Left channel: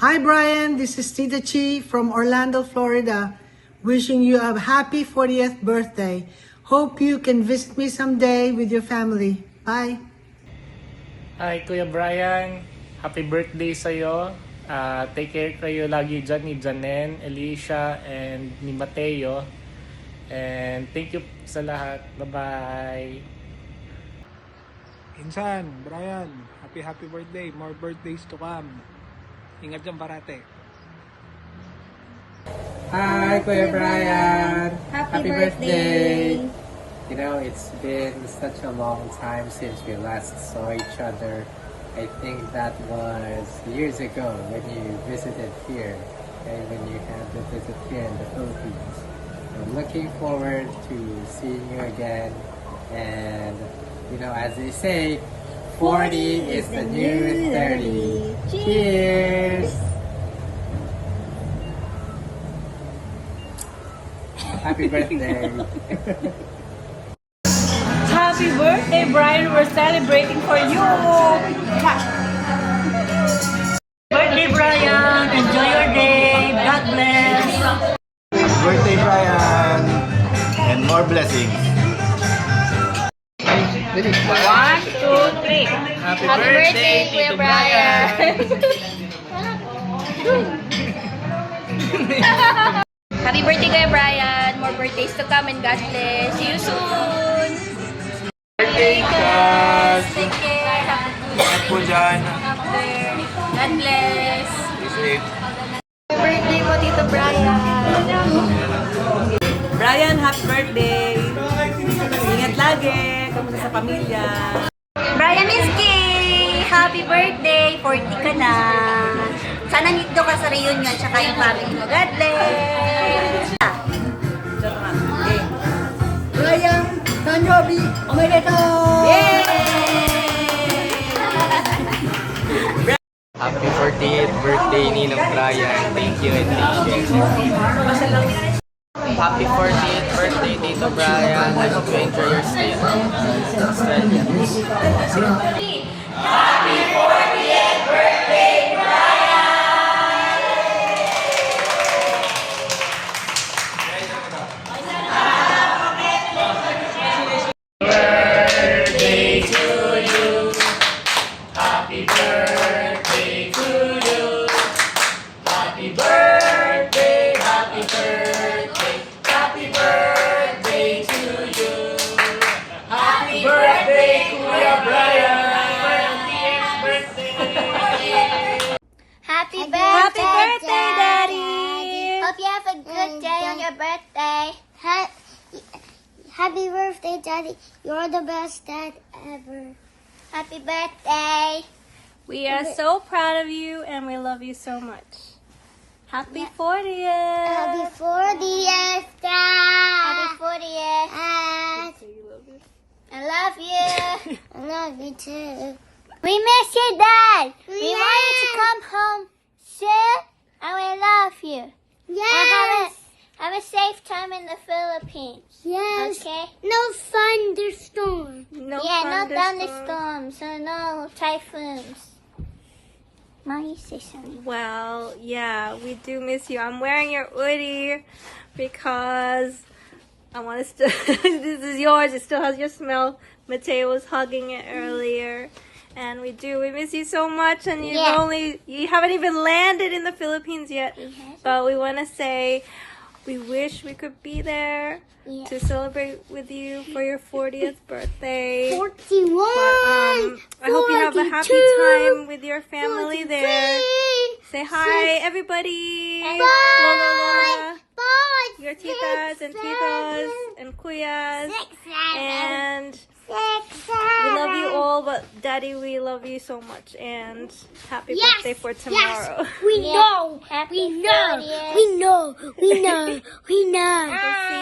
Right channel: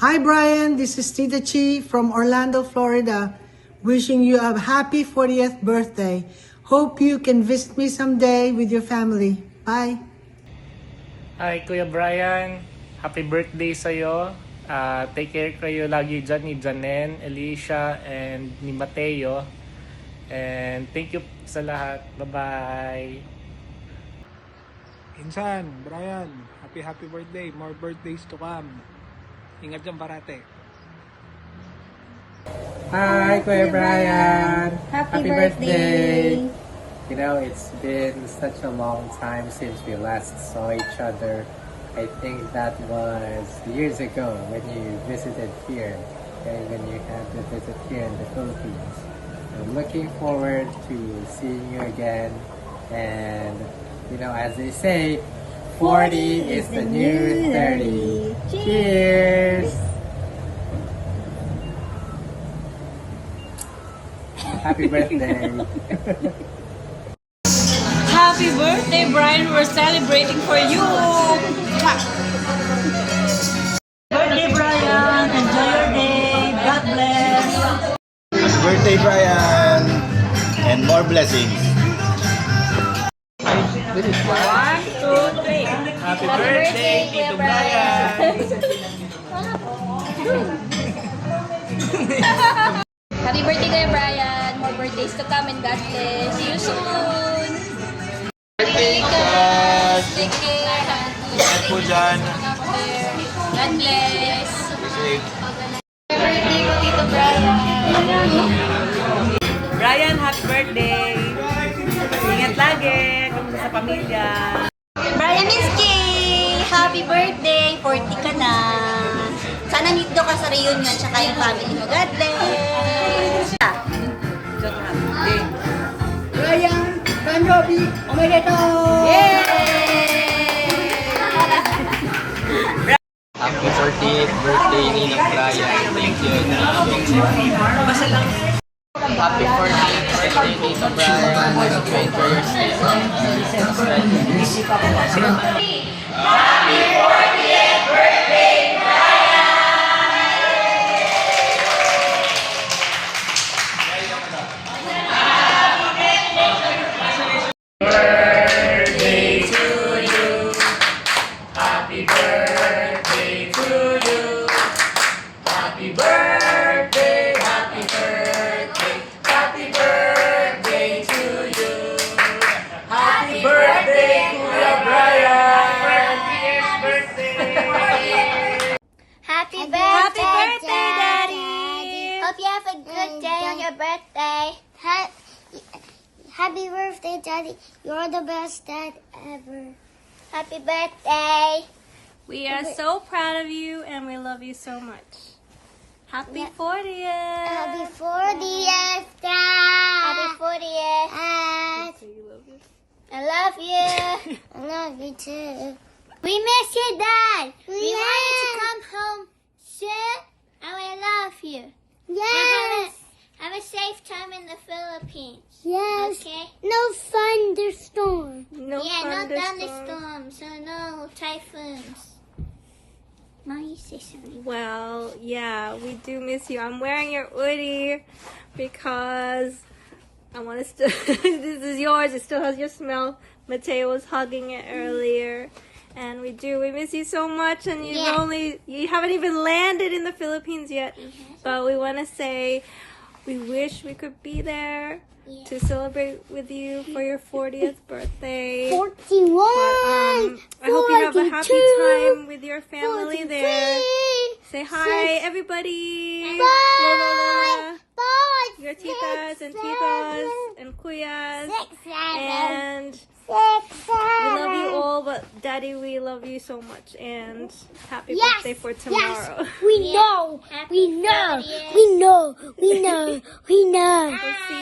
Hi Brian, this is Tita Chi from Orlando, Florida. Wishing you a happy 40th birthday. Hope you can visit me someday with your family. Bye. Hi Kuya Brian, happy birthday sa'yo. Take care kayo lagi dyan ni Janen, Alicia, and ni Mateo. And thank you sa lahat. Bye-bye. Insan, Brian, happy birthday. More birthdays to come. Ingat dyan parate. Hi, Kuya Brian. Happy birthday. You know, it's been such a long time since we last saw each other. I think that was years ago when you visited here, okay, when you had the visit here in the Philippines. I'm looking forward to seeing you again. And, you know, as they say, 40 is the new 30. Cheers! Happy birthday! Happy birthday, Brian! We're celebrating for you! Birthday, Brian! Enjoy your day! God bless! Happy birthday, Brian! And more blessings. 1, 2, 3. Happy birthday, Tito Brian! Happy birthday, Kuya Brian! More birthdays to come and God bless! See you soon! Birthday, Kas! Take care! Have a good Ingat po dyan. God bless! Be safe. Birthday po, Tito Brian! Brian, happy birthday! Ingat lagi! Kung sa pamilya! Brian Miski! Happy birthday! 40 ka na! Sana nito ka sa reunion tsaka yung family mo. God bless! Brian, Tanjobi, Omedeto! Happy 40th birthday, Ninong Brian. Thank you and happy 40th birthday, Tito Brian. Enjoy your stay. Happy 40th birthday, Happy birthday, Daddy! Hope you have a good day on your birthday. Happy birthday, Daddy. You're the best dad ever. Happy birthday. We are so proud of you and we love you so much. Happy 40th! Happy 40th, Dad. Happy 40th. I love you. I love you too. We miss you, Dad. We want you to come home soon, and we love you. Yes. Have a safe time in the Philippines. Yes. Okay. No thunderstorm. No No thunderstorms. So no typhoons. Mommy, say something. Well, yeah, we do miss you. I'm wearing your hoodie because I want to still, this is yours. It still has your smell. Mateo was hugging it earlier. And we miss you so much, and you haven't even landed in the Philippines yet. But we want to say we wish we could be there to celebrate with you for your 40th birthday. 41. I hope you have a happy time with your family there. Say hi, everybody. Bye. Lola, Lola. Bye. Your titas and titos and kuyas. And we love you all, but Daddy, we love you so much. And happy birthday for tomorrow. We know. We know. We know. We know. We know. We'll see